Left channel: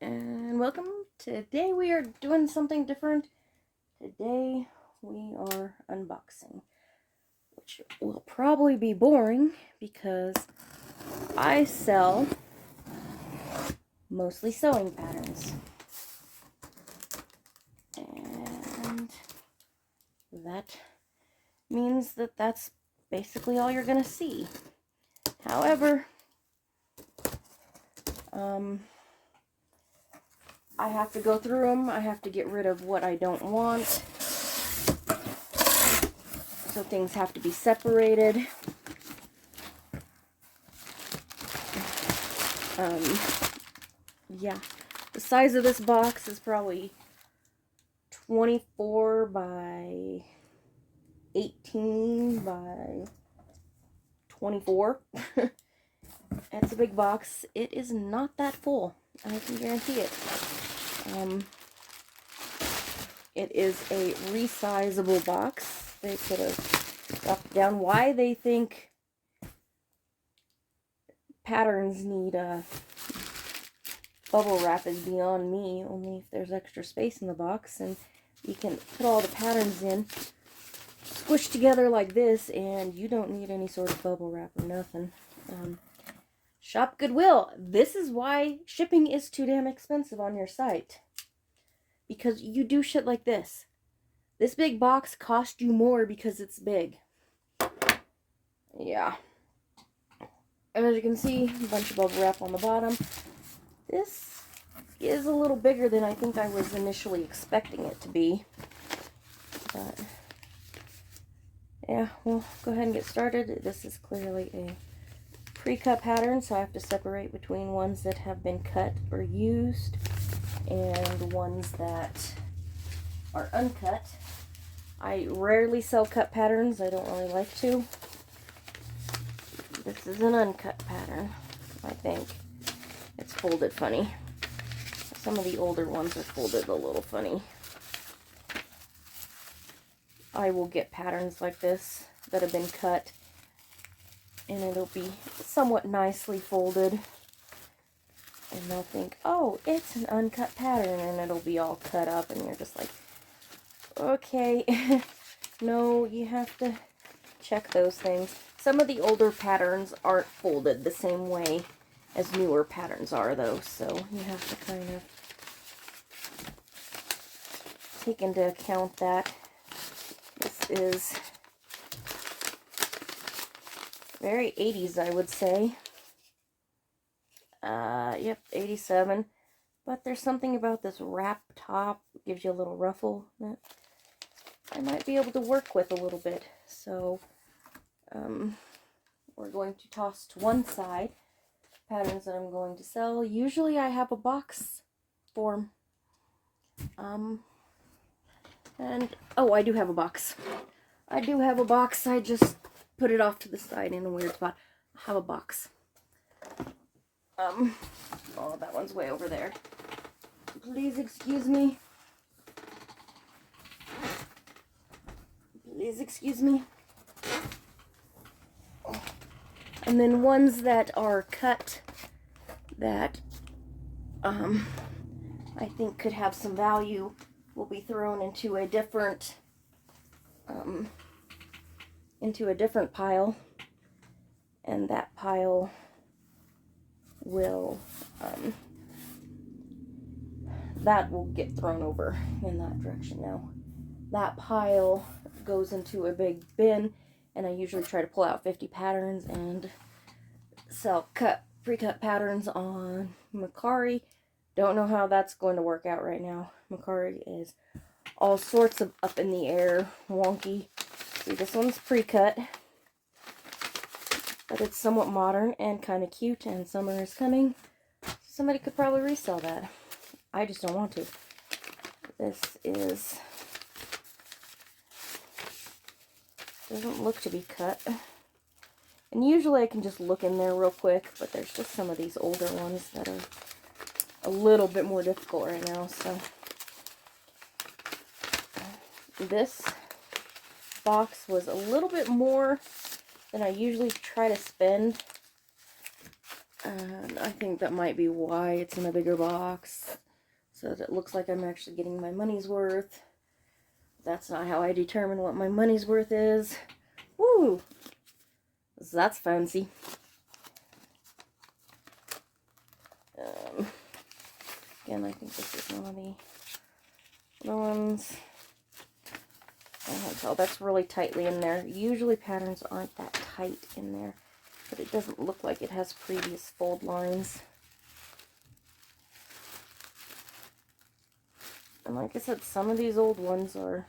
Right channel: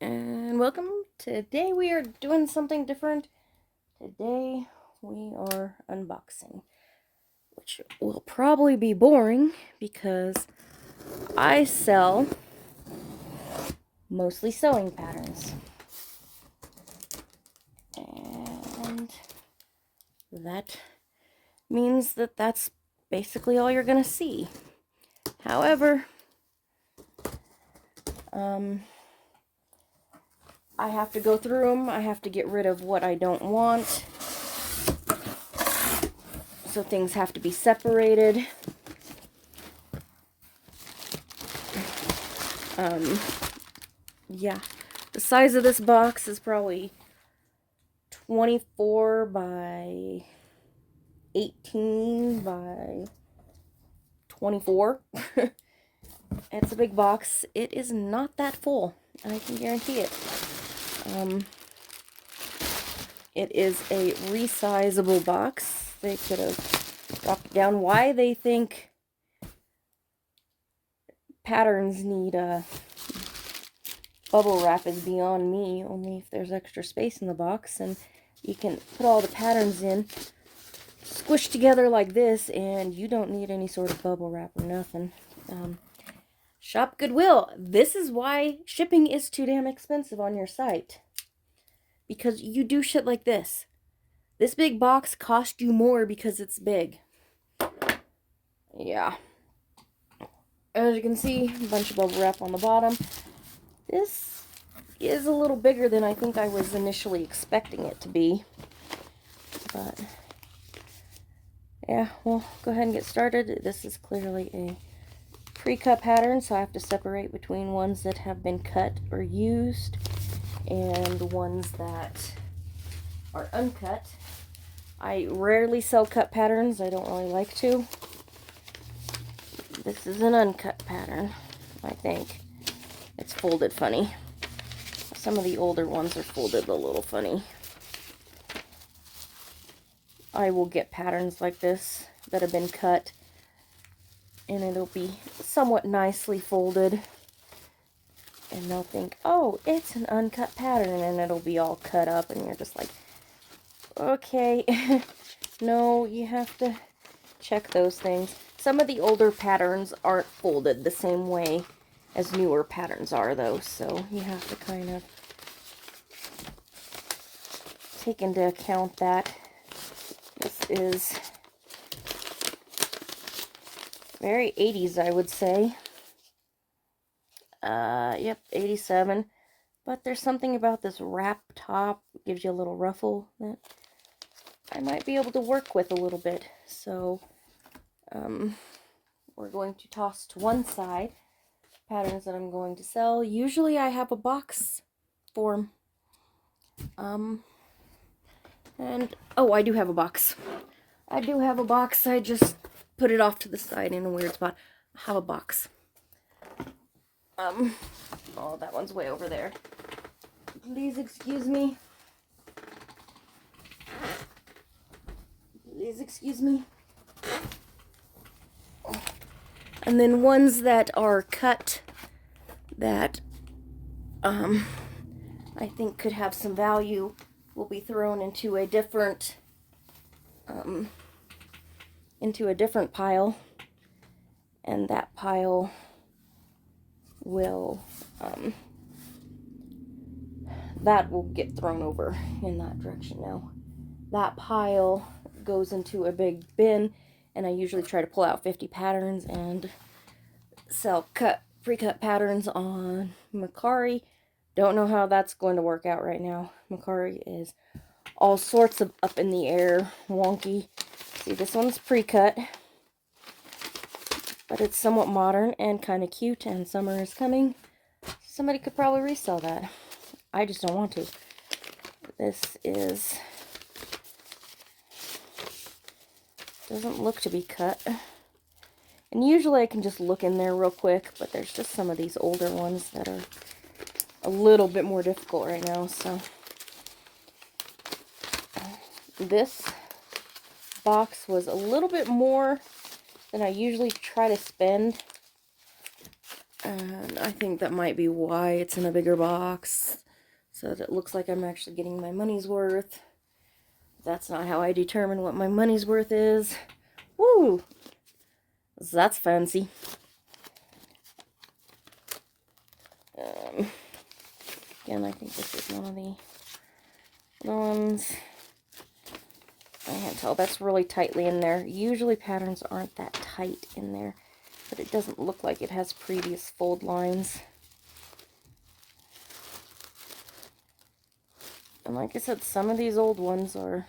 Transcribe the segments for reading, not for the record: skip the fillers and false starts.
and welcome. Today we are doing something different. Today we are unboxing, which will probably be boring because I sell mostly sewing patterns. And that means that that's basically all you're going to see. However, I have to go through them. I have to get rid of what I don't want. So things have to be separated. Yeah, the size of this box is probably 24 by 18 by 24. It's a big box. It is not that full, I can guarantee it. It is a resizable box. They could have dropped it down. Why they think patterns need bubble wrap is beyond me. Only if there's extra space in the box and you can put all the patterns in, squished together like this, and you don't need any sort of bubble wrap or nothing. Shop Goodwill. This is why shipping is too damn expensive on your site. Because you do shit like this. This big box cost you more because it's big. Yeah. As you can see, a bunch of bubble wrap on the bottom. This is a little bigger than I think I was initially expecting it to be. But, yeah, we'll go ahead and get started. This is clearly a pre-cut pattern, so I have to separate between ones that have been cut or used and ones that are uncut. I rarely sell cut patterns. I don't really like to. This is an uncut pattern, I think. It's folded funny. Some of the older ones are folded a little funny. I will get patterns like this that have been cut, and it'll be somewhat nicely folded. And they'll think, oh, it's an uncut pattern, and it'll be all cut up, and you're just like, okay. No, you have to check those things. Some of the older patterns aren't folded the same way as newer patterns are, though, so you have to kind of take into account that. This is very 80s, I would say. Yep, 87. But there's something about this wrap top. It gives you a little ruffle that I might be able to work with a little bit. So, we're going to toss to one side patterns that I'm going to sell. Usually I have a box for them. And, oh, I do have a box. I do have a box. I just put it off to the side in a weird spot. I have a box. Oh, that one's way over there. Please excuse me. Please excuse me. And then ones that are cut that I think could have some value will be thrown into a different pile, and that pile will that will get thrown over in that direction. Now that pile goes into a big bin, and I usually try to pull out 50 patterns and sell pre-cut patterns on Mercari. Don't know how that's going to work out right now. Mercari is all sorts of up in the air, wonky. See, this one's pre-cut, but it's somewhat modern and kind of cute, and summer is coming. Somebody could probably resell that. I just don't want to. This doesn't look to be cut. And usually I can just look in there real quick, but there's just some of these older ones that are a little bit more difficult right now, so. This box was a little bit more than I usually try to spend And I think that might be why it's in a bigger box, so that it looks like I'm actually getting my money's worth. That's not how I determine what my money's worth is. Woo! That's fancy. Again, I think this is one of the ones. I can't tell. That's really tightly in there. Usually patterns aren't that tight in there, but it doesn't look like it has previous fold lines. And like I said, some of these old ones are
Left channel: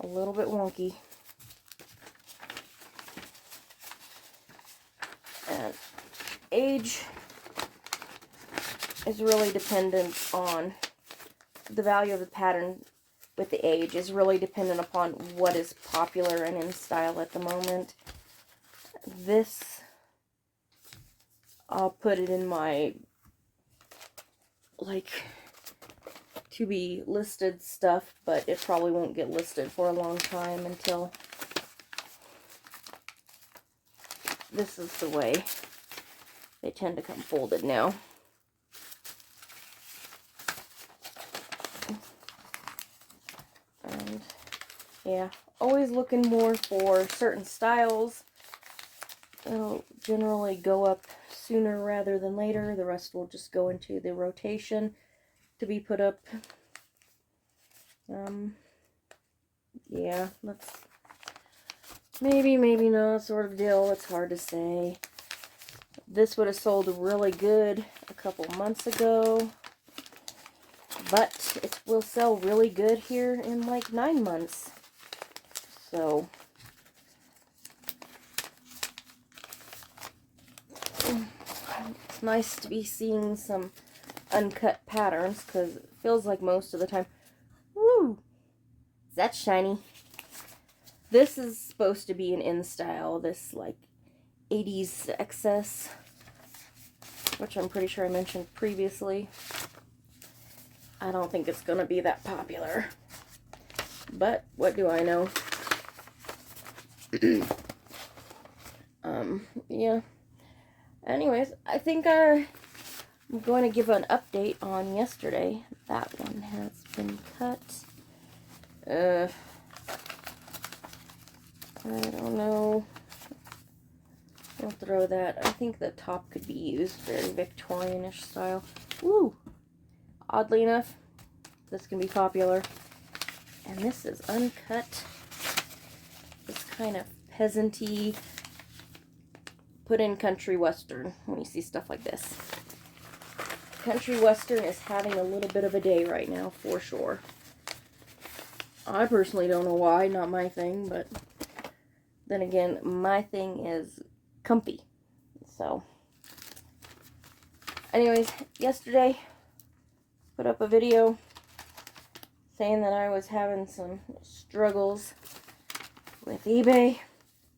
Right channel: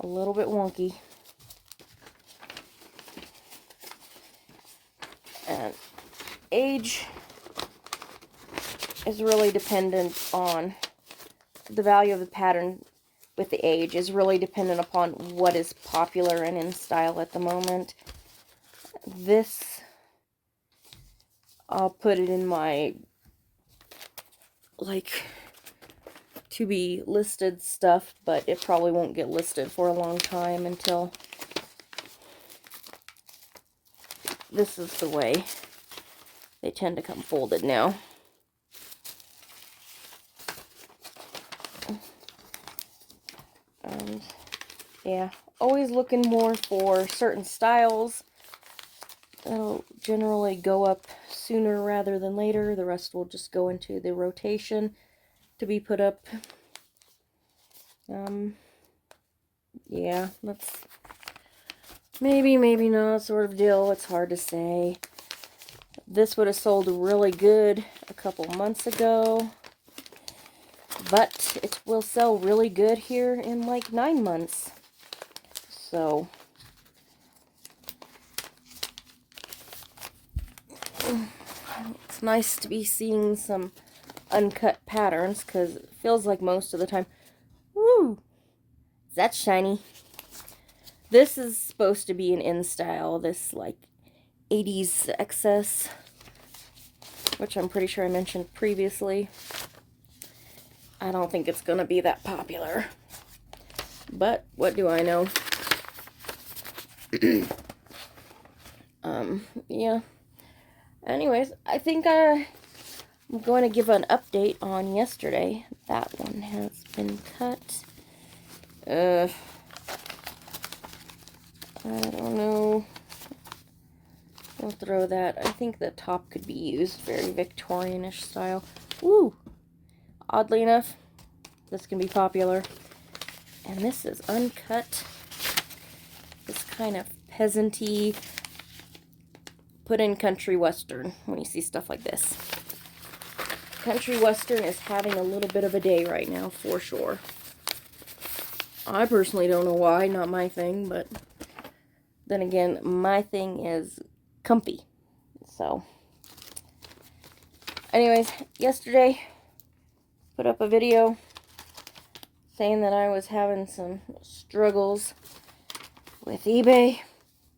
a little bit wonky. And age is really dependent on the value of the pattern. With the age is really dependent upon what is popular and in style at the moment. This, I'll put it in my like to be listed stuff, but it probably won't get listed for a long time until this is the way they tend to come folded now. And yeah, always looking more for certain styles that'll generally go up sooner rather than later. The rest will just go into the rotation to be put up. Yeah, that's maybe not sort of deal. It's hard to say. This would have sold really good a couple months ago, but it will sell really good here in like 9 months. So it's nice to be seeing some uncut patterns, because it feels like most of the time, woo, that's shiny. This is supposed to be an in style, this like 80s excess, which I'm pretty sure I mentioned previously. I don't think it's gonna be that popular, but what do I know? Yeah. Anyways, I think I'm going to give an update on yesterday. That one has been cut. I don't know. We'll throw that. I think the top could be used. Very Victorian-ish style. Woo! Oddly enough, this can be popular. And this is uncut. This kind of peasant-y, put in country western when you see stuff like this. Country western is having a little bit of a day right now, for sure. I personally don't know why, not my thing, but then again, my thing is comfy. So, anyways, yesterday, put up a video saying that I was having some struggles with eBay,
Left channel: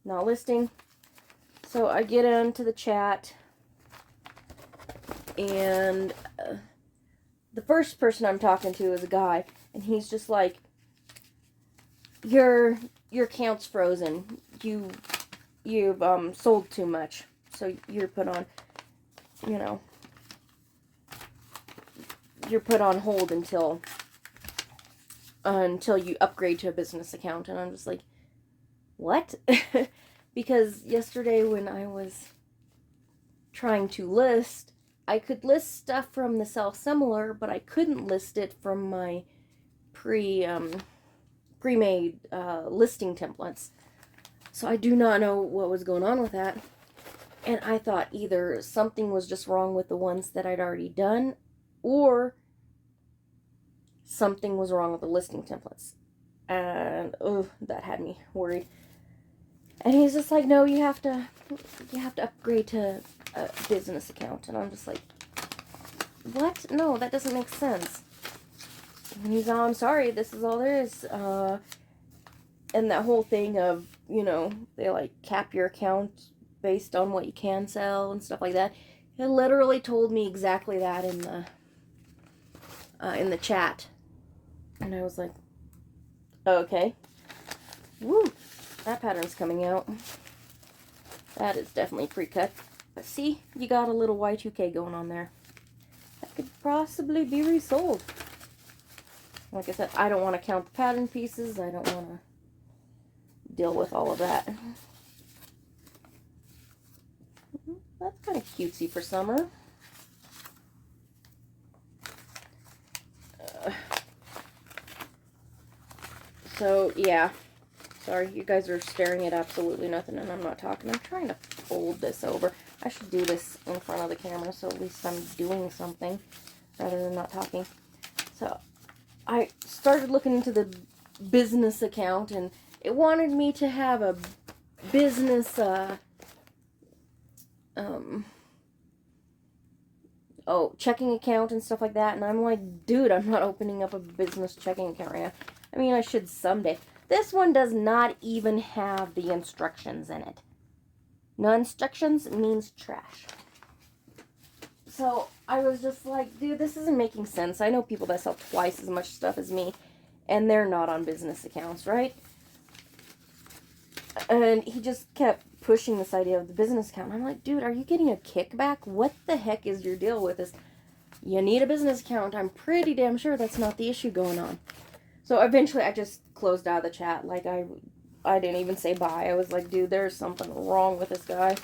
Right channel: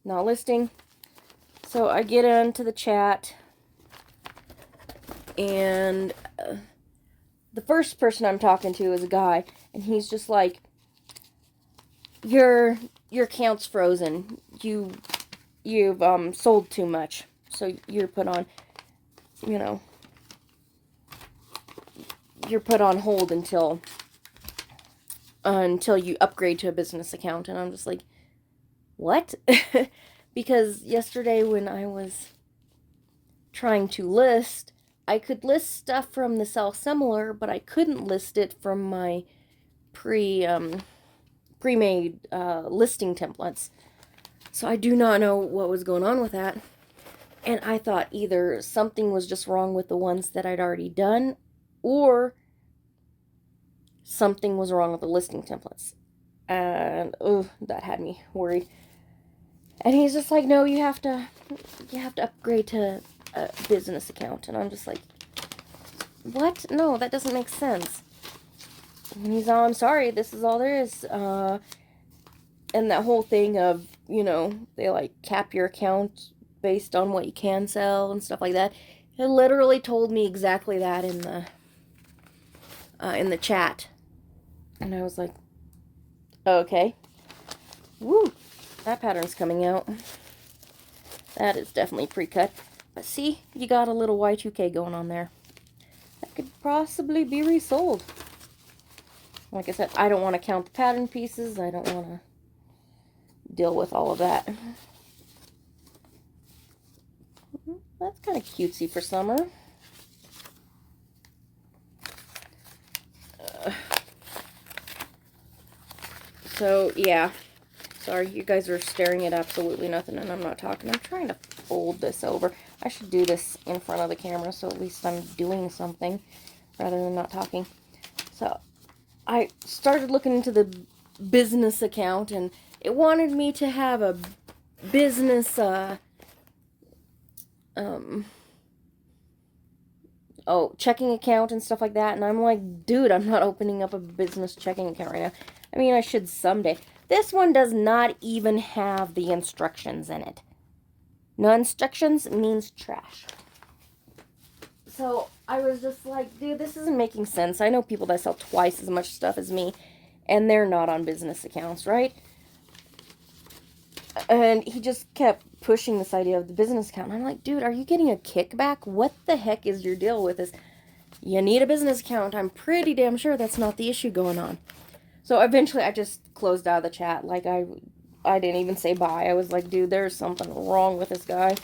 not listing. So I get onto the chat, and the first person I'm talking to is a guy, and he's just like, your account's frozen. You've sold too much, so you're put on, you know, you're put on hold until you upgrade to a business account. And I'm just like, what? Because yesterday when I was trying to list, I could list stuff from the Sell Similar, but I couldn't list it from my pre-made listing templates. So I do not know what was going on with that. And I thought either something was just wrong with the ones that I'd already done, or something was wrong with the listing templates. And oh, that had me worried. And he's just like, no, you have to upgrade to a business account. And I'm just like, what? No, that doesn't make sense. And he's all, I'm sorry, this is all there is. And that whole thing of, you know, they like cap your account based on what you can sell and stuff like that. It literally told me exactly that in the chat. And I was like, okay. Woo. that pattern's coming out. That is definitely pre-cut. But see, you got a little Y2K going on there. That could possibly be resold. Like I said, I don't want to count the pattern pieces. I don't want to deal with all of that. That's kind of cutesy for summer. So, yeah. Sorry, you guys are staring at absolutely nothing and I'm not talking. I'm trying to fold this over. I should do this in front of the camera so at least I'm doing something rather than not talking. So, I started looking into the business account and it wanted me to have a business, checking account and stuff like that. And I'm like, dude, I'm not opening up a business checking account right now. I mean, I should someday. This one does not even have the instructions in it. No instructions means trash. So I was just like, dude, this isn't making sense. I know people that sell twice as much stuff as me, and they're not on business accounts, right? And he just kept pushing this idea of the business account. And I'm like, dude, are you getting a kickback? What the heck is your deal with this? You need a business account. I'm pretty damn sure that's not the issue going on. So eventually I just closed out of the chat. Like, I didn't even say bye. I was like, dude, there's something wrong with this guy.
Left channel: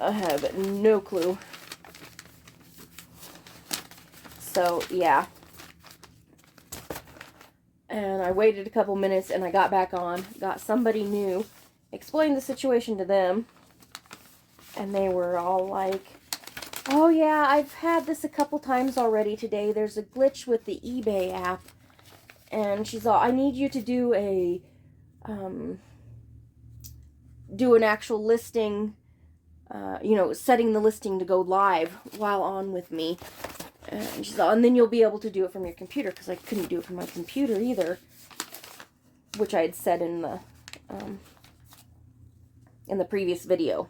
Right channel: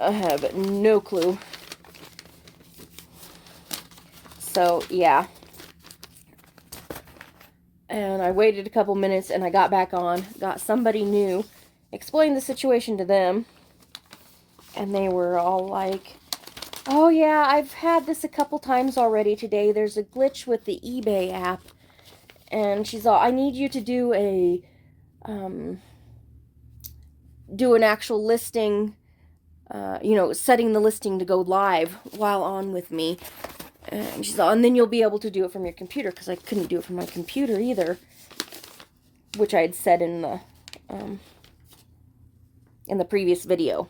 I have no clue. So, yeah. And I waited a couple minutes and I got back on, got somebody new, explained the situation to them, and they were all like, oh yeah, I've had this a couple times already today. There's a glitch with the eBay app. And she's all, I need you to do an actual listing, setting the listing to go live while on with me. And she's all, and then you'll be able to do it from your computer, because I couldn't do it from my computer either, which I had said in the previous video.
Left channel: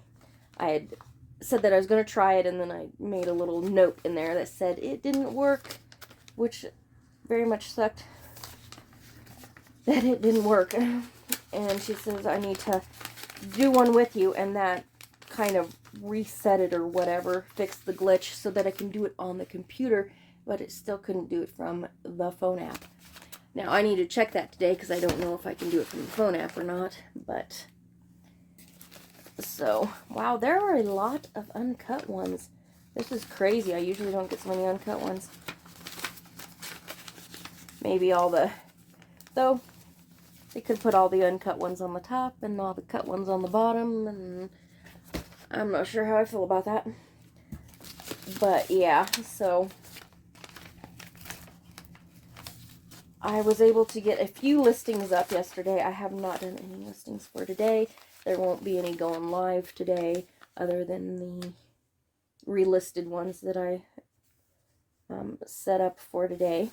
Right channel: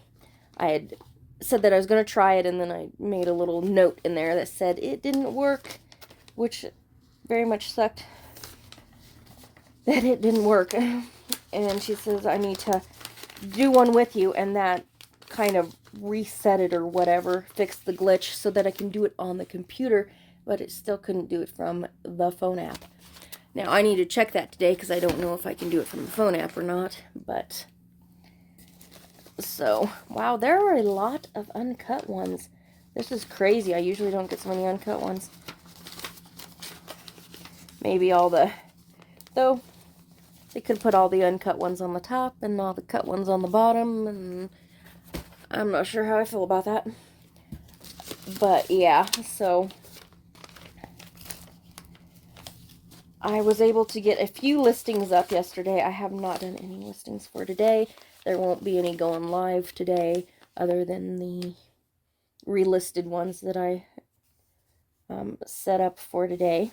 I had said that I was going to try it, and then I made a little note in there that said it didn't work, which very much sucked that it didn't work. And she says, I need to do one with you, and that kind of reset it or whatever, fixed the glitch so that I can do it on the computer, but it still couldn't do it from the phone app. Now, I need to check that today because I don't know if I can do it from the phone app or not, but... So, wow, there are a lot of uncut ones. This is crazy. I usually don't get so many uncut ones. Maybe all the... Though, they could put all the uncut ones on the top and all the cut ones on the bottom, and I'm not sure how I feel about that. But, yeah, so... I was able to get a few listings up yesterday. I have not done any listings for today. There won't be any going live today other than the relisted ones that I set up for today.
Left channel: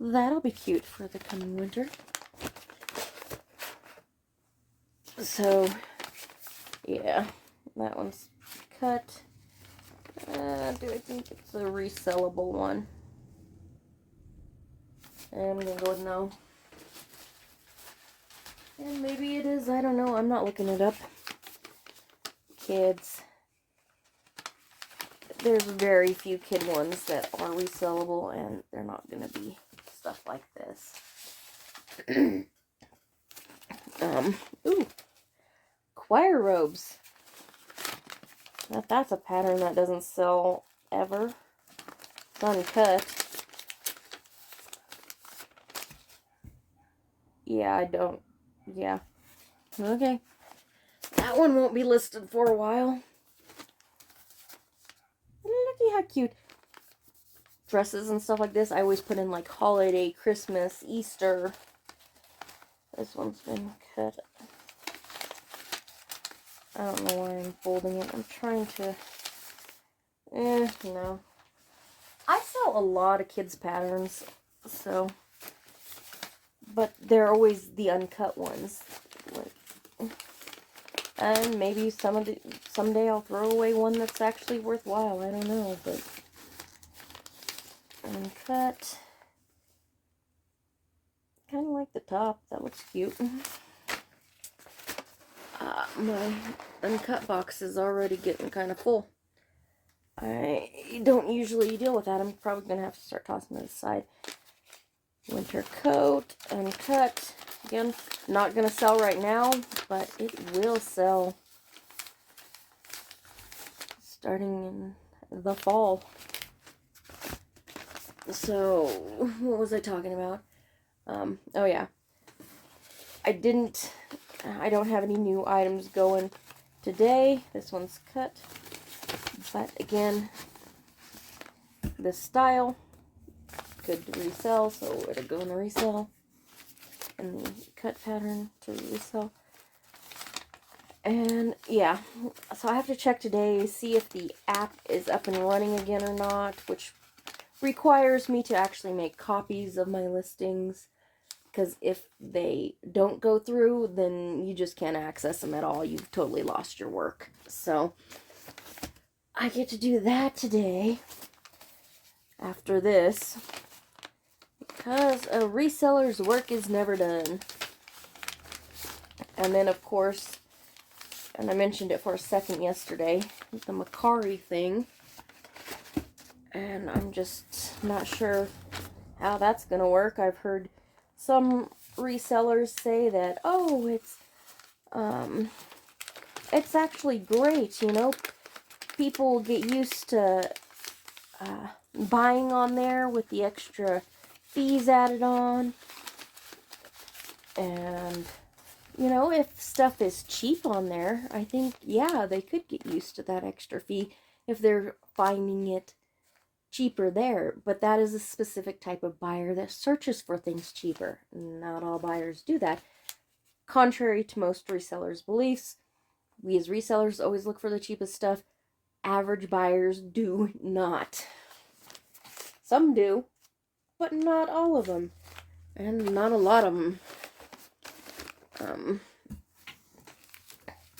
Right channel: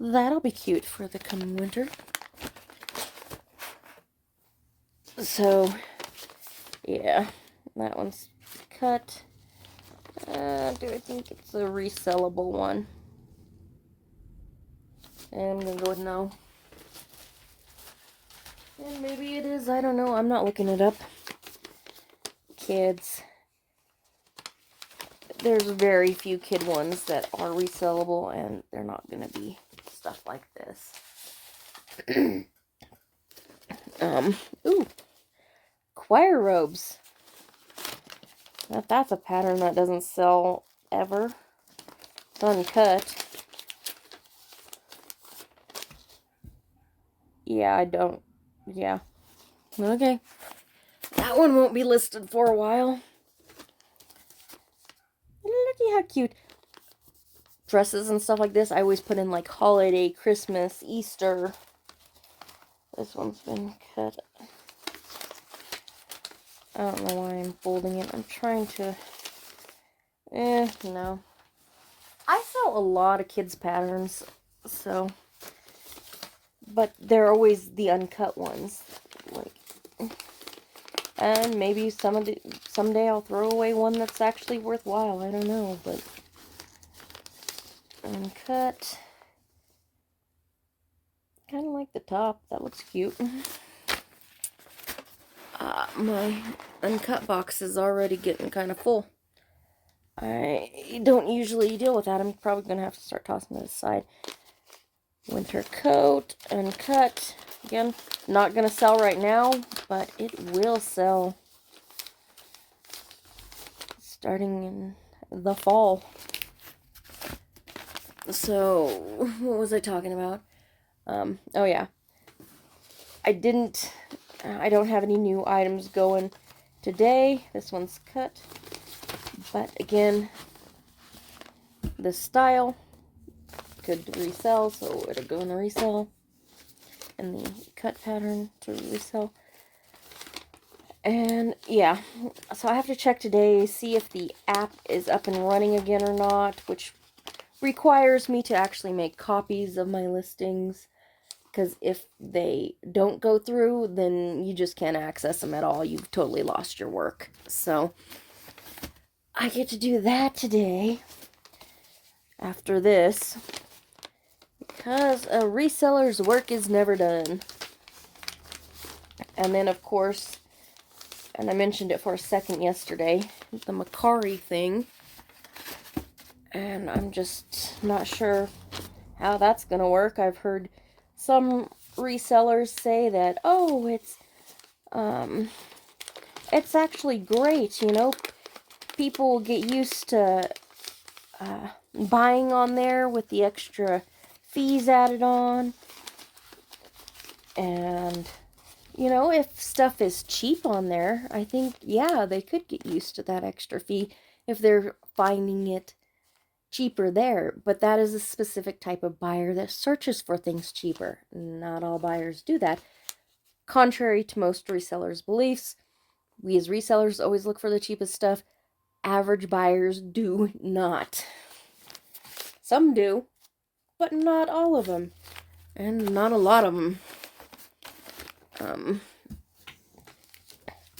That'll be cute for the coming winter. So, yeah, that one's cut. Do I think it's a resellable one? And I'm going to go with no. And maybe it is, I don't know. I'm not looking it up. Kids. There's very few kid ones that are resellable, and they're not going to be stuff like this. Ooh. Choir robes. That's a pattern that doesn't sell ever. It's uncut. Yeah, I don't. Yeah. Okay. That one won't be listed for a while. Looky how cute. Dresses and stuff like this, I always put in like holiday, Christmas, Easter. This one's been cut. I don't know why I'm folding it. I'm trying to... no. I sell a lot of kids' patterns, so... But they're always the uncut ones. Like, and maybe someday I'll throw away one that's actually worthwhile. I don't know, but uncut. Kind of like the top. That looks cute. my uncut box is already getting kind of full. I don't usually deal with that. I'm probably going to have to start tossing it aside. Winter coat, uncut. Again, not going to sell right now, but it will sell starting in the fall. So, what was I talking about? Oh yeah. I don't have any new items going today. This one's cut. But again, this style could resell, so it'll go in the resell. And the cut pattern to resell. And yeah, so I have to check today, see if the app is up and running again or not, which requires me to actually make copies of my listings. Because if they don't go through, then you just can't access them at all. You've totally lost your work. So I get to do that today after this, because a reseller's work is never done. And then, of course, and I mentioned it for a second yesterday, the Mercari thing. And I'm just not sure how that's going to work. I've heard some resellers say that, oh, it's actually great, you know. People get used to buying on there with the extra fees added on. And, you know, if stuff is cheap on there, I think, yeah, they could get used to that extra fee if they're finding it cheaper there. But that is a specific type of buyer that searches for things cheaper. Not all buyers do that. Contrary to most resellers' beliefs, we as resellers always look for the cheapest stuff. Average buyers do not. Some do, but not all of them, and not a lot of them.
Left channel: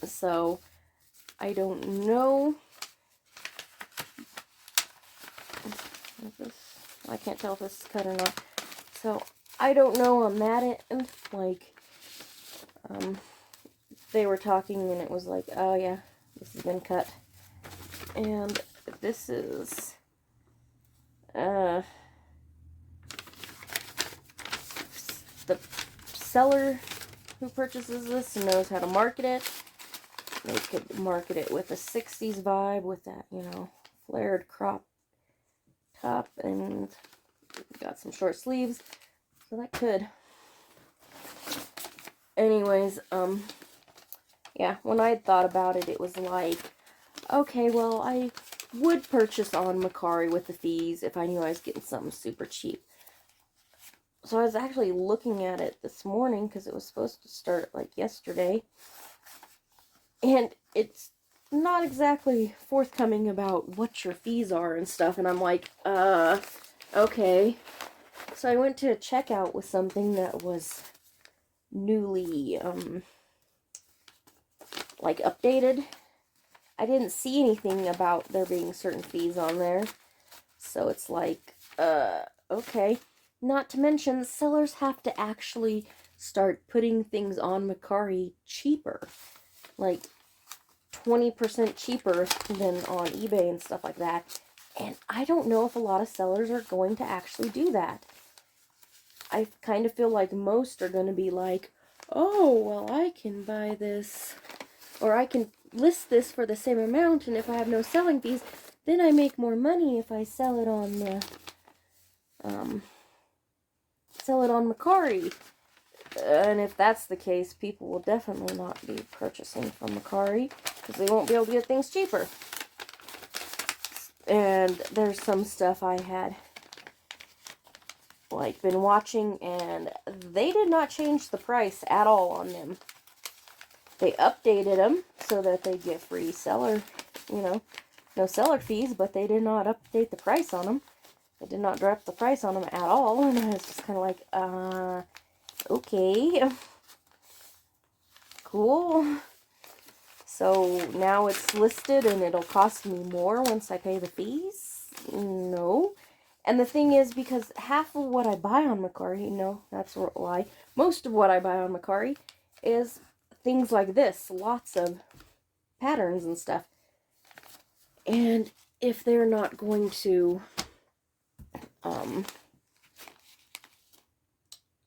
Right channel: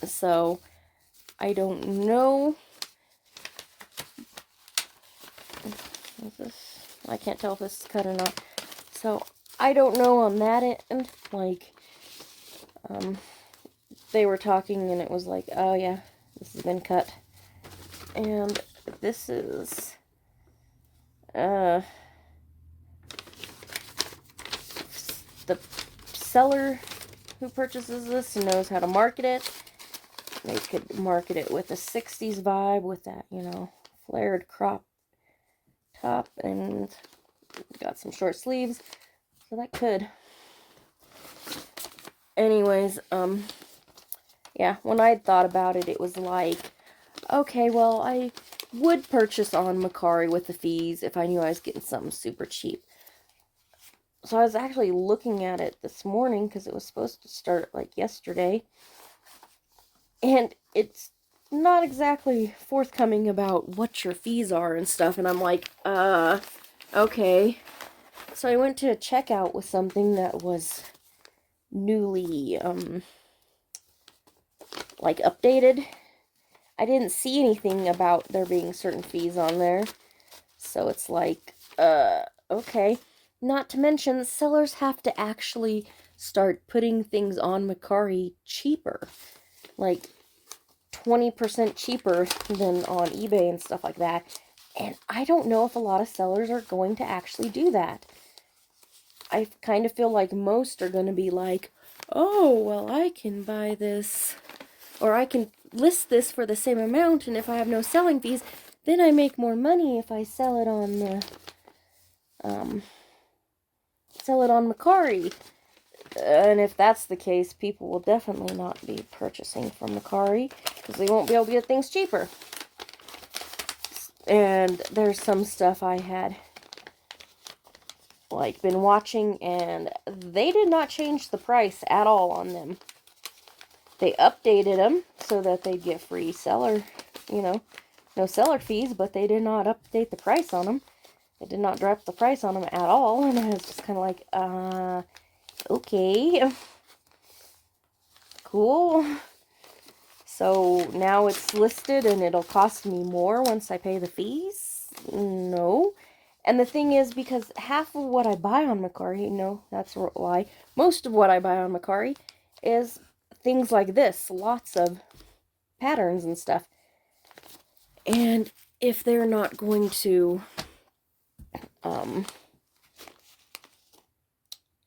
So I don't know. I can't tell if this is cut or not. So I don't know on that end. Like, they were talking and it was like, oh yeah, this has been cut. And this is, the seller who purchases this knows how to market it. They could market it with a 60s vibe with that, you know, flared crop top, and got some short sleeves, so that could. Anyways, yeah, when I thought about it, it was like, okay, well, I would purchase on Mercari with the fees if I knew I was getting something super cheap. So I was actually looking at it this morning because it was supposed to start like yesterday. And it's not exactly forthcoming about what your fees are and stuff. And I'm like, okay. So I went to checkout with something that was newly, like updated. I didn't see anything about there being certain fees on there. So it's like, okay. Not to mention, sellers have to actually start putting things on Mercari cheaper. Like 20% cheaper than on eBay and stuff like that. And I don't know if a lot of sellers are going to actually do that. I kind of feel like most are going to be like, oh, well, I can buy this, or I can list this for the same amount, and if I have no selling fees, then I make more money if I sell it on the, Mercari. And if that's the case, people will definitely not be purchasing from Mercari because they won't be able to get things cheaper. And there's some stuff I had like been watching, and they did not change the price at all on them. They updated them so that they'd get free seller, you know, no seller fees, but they did not update the price on them. They did not drop the price on them at all, and I was just kind of like, okay, cool. So now it's listed and it'll cost me more once I pay the fees? No. And the thing is, because half of what I buy on Mercari, no, that's a lie, most of what I buy on Mercari is things like this, lots of patterns and stuff. And if they're not going to,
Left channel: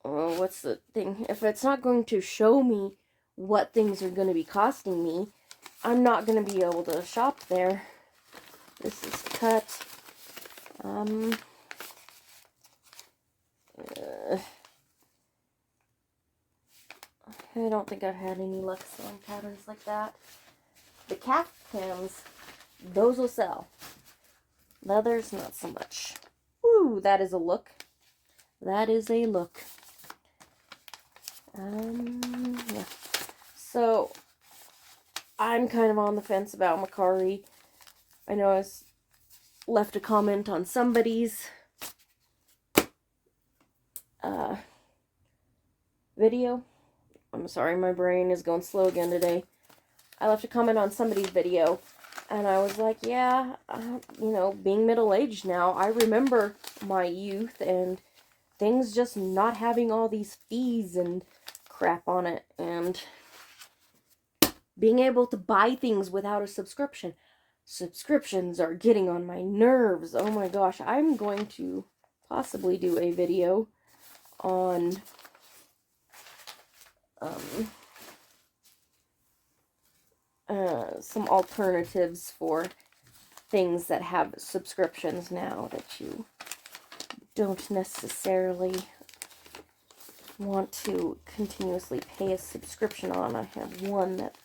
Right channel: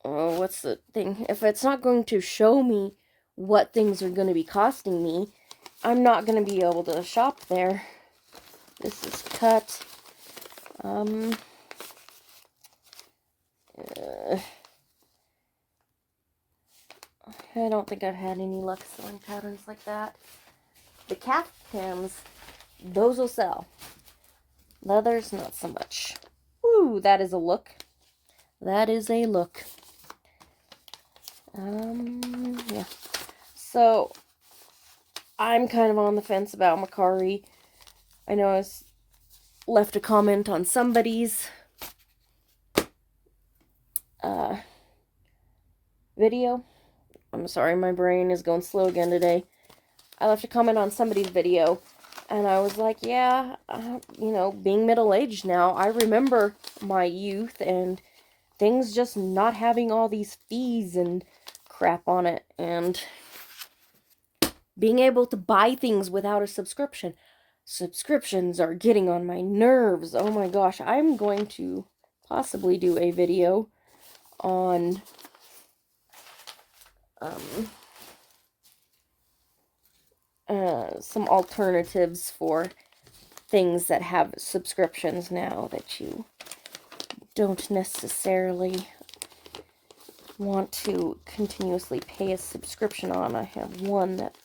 what's the thing? If it's not going to show me what things are going to be costing me, I'm not going to be able to shop there. This is cut. I don't think I've had any luck selling patterns like that. The caftans, those will sell. Leathers, not so much. Ooh, that is a look. That is a look. Yeah. So, I'm kind of on the fence about Mercari. I know I left a comment on somebody's video. I'm sorry, my brain is going slow again today. I left a comment on somebody's video, and I was like, yeah, you know, being middle-aged now, I remember my youth and things just not having all these fees and crap on it, and being able to buy things without a subscription. Subscriptions are getting on my nerves. Oh my gosh, I'm going to possibly do a video on some alternatives for things that have subscriptions now that you don't necessarily want to continuously pay a subscription on. I have one that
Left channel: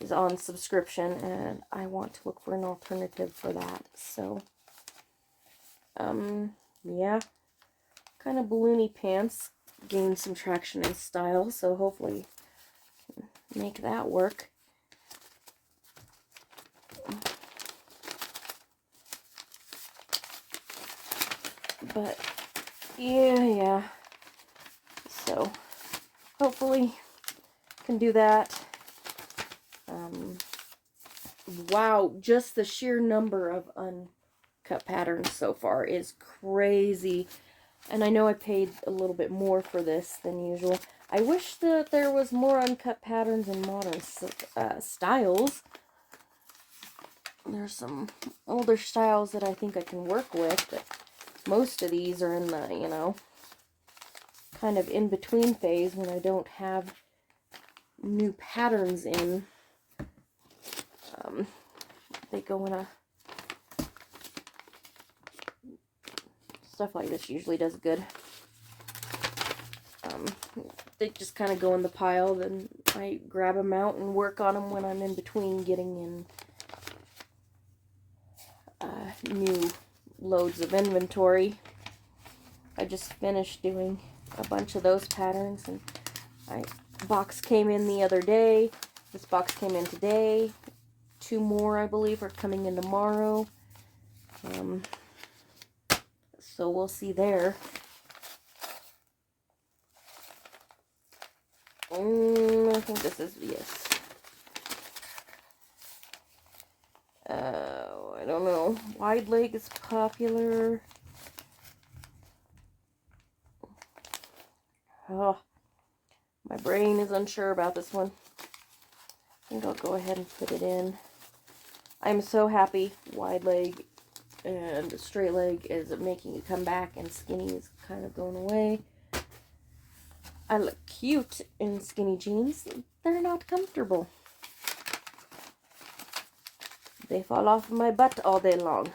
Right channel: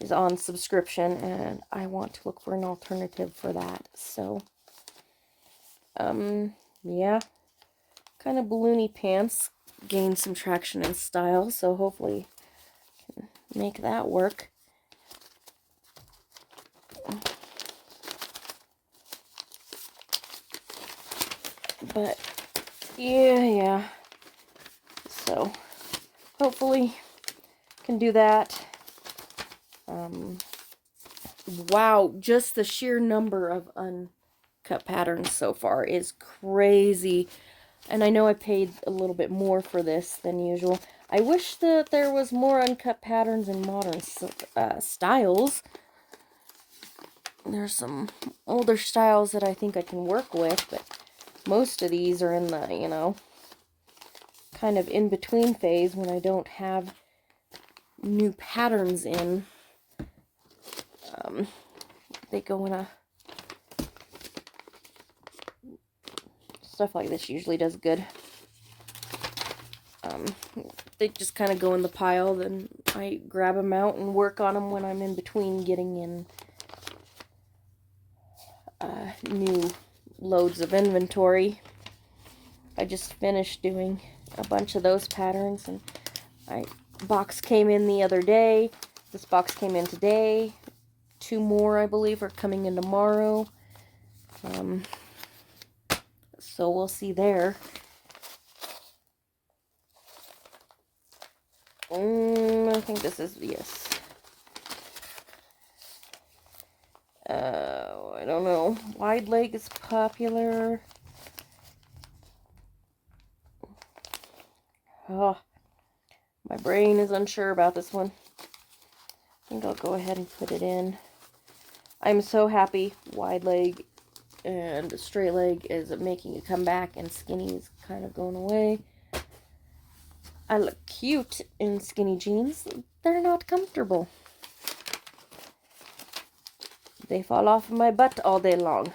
is on subscription, and I want to look for an alternative for that. So, yeah, kind of balloony pants gained some traction in style, so hopefully I can make that work. But yeah, so hopefully can do that. Wow, just the sheer number of uncut patterns so far is crazy. And I know I paid a little bit more for this than usual. I wish that there was more uncut patterns in modern styles. There's some older styles that I think I can work with, but most of these are in the, you know, kind of in-between phase when I don't have new patterns in. They go in a... Stuff like this usually does good. They just kind of go in the pile, then I grab them out and work on them when I'm in between getting in new loads of inventory. I just finished doing a bunch of those patterns, and box came in the other day. This box came in today. 2 more, I believe, are coming in tomorrow. So we'll see there. I think this is, yes. I don't know. Wide leg is popular. Oh, my brain is unsure about this one. I think I'll go ahead and put it in. I'm so happy wide leg and straight leg is making a comeback, and skinny is kind of going away. I look cute in skinny jeans. They're not comfortable. They fall off of my butt all day long.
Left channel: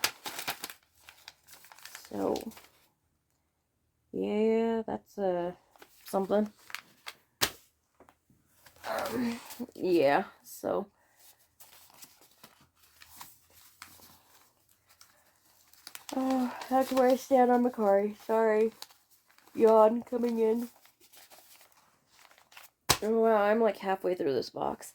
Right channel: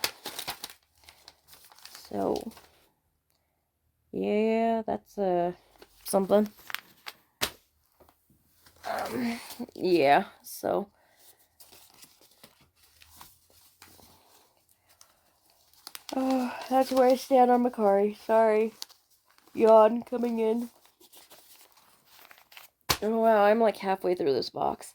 So, yeah, that's something. Yeah, so that's where I stand on Mercari. Sorry. Yawn coming in. Oh wow, I'm like halfway through this box.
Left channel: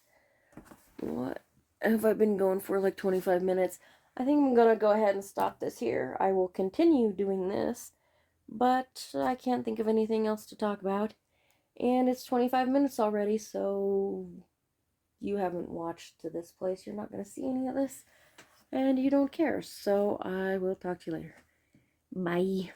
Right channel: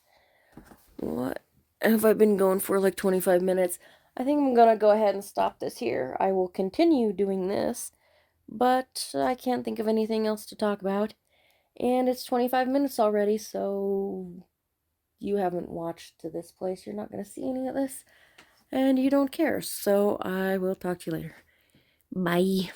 What have I been going for? Like 25 minutes. I think I'm gonna go ahead and stop this here. I will continue doing this, but I can't think of anything else to talk about. And it's 25 minutes already, so you haven't watched to this place. You're not gonna see any of this, and you don't care. So I will talk to you later. Bye.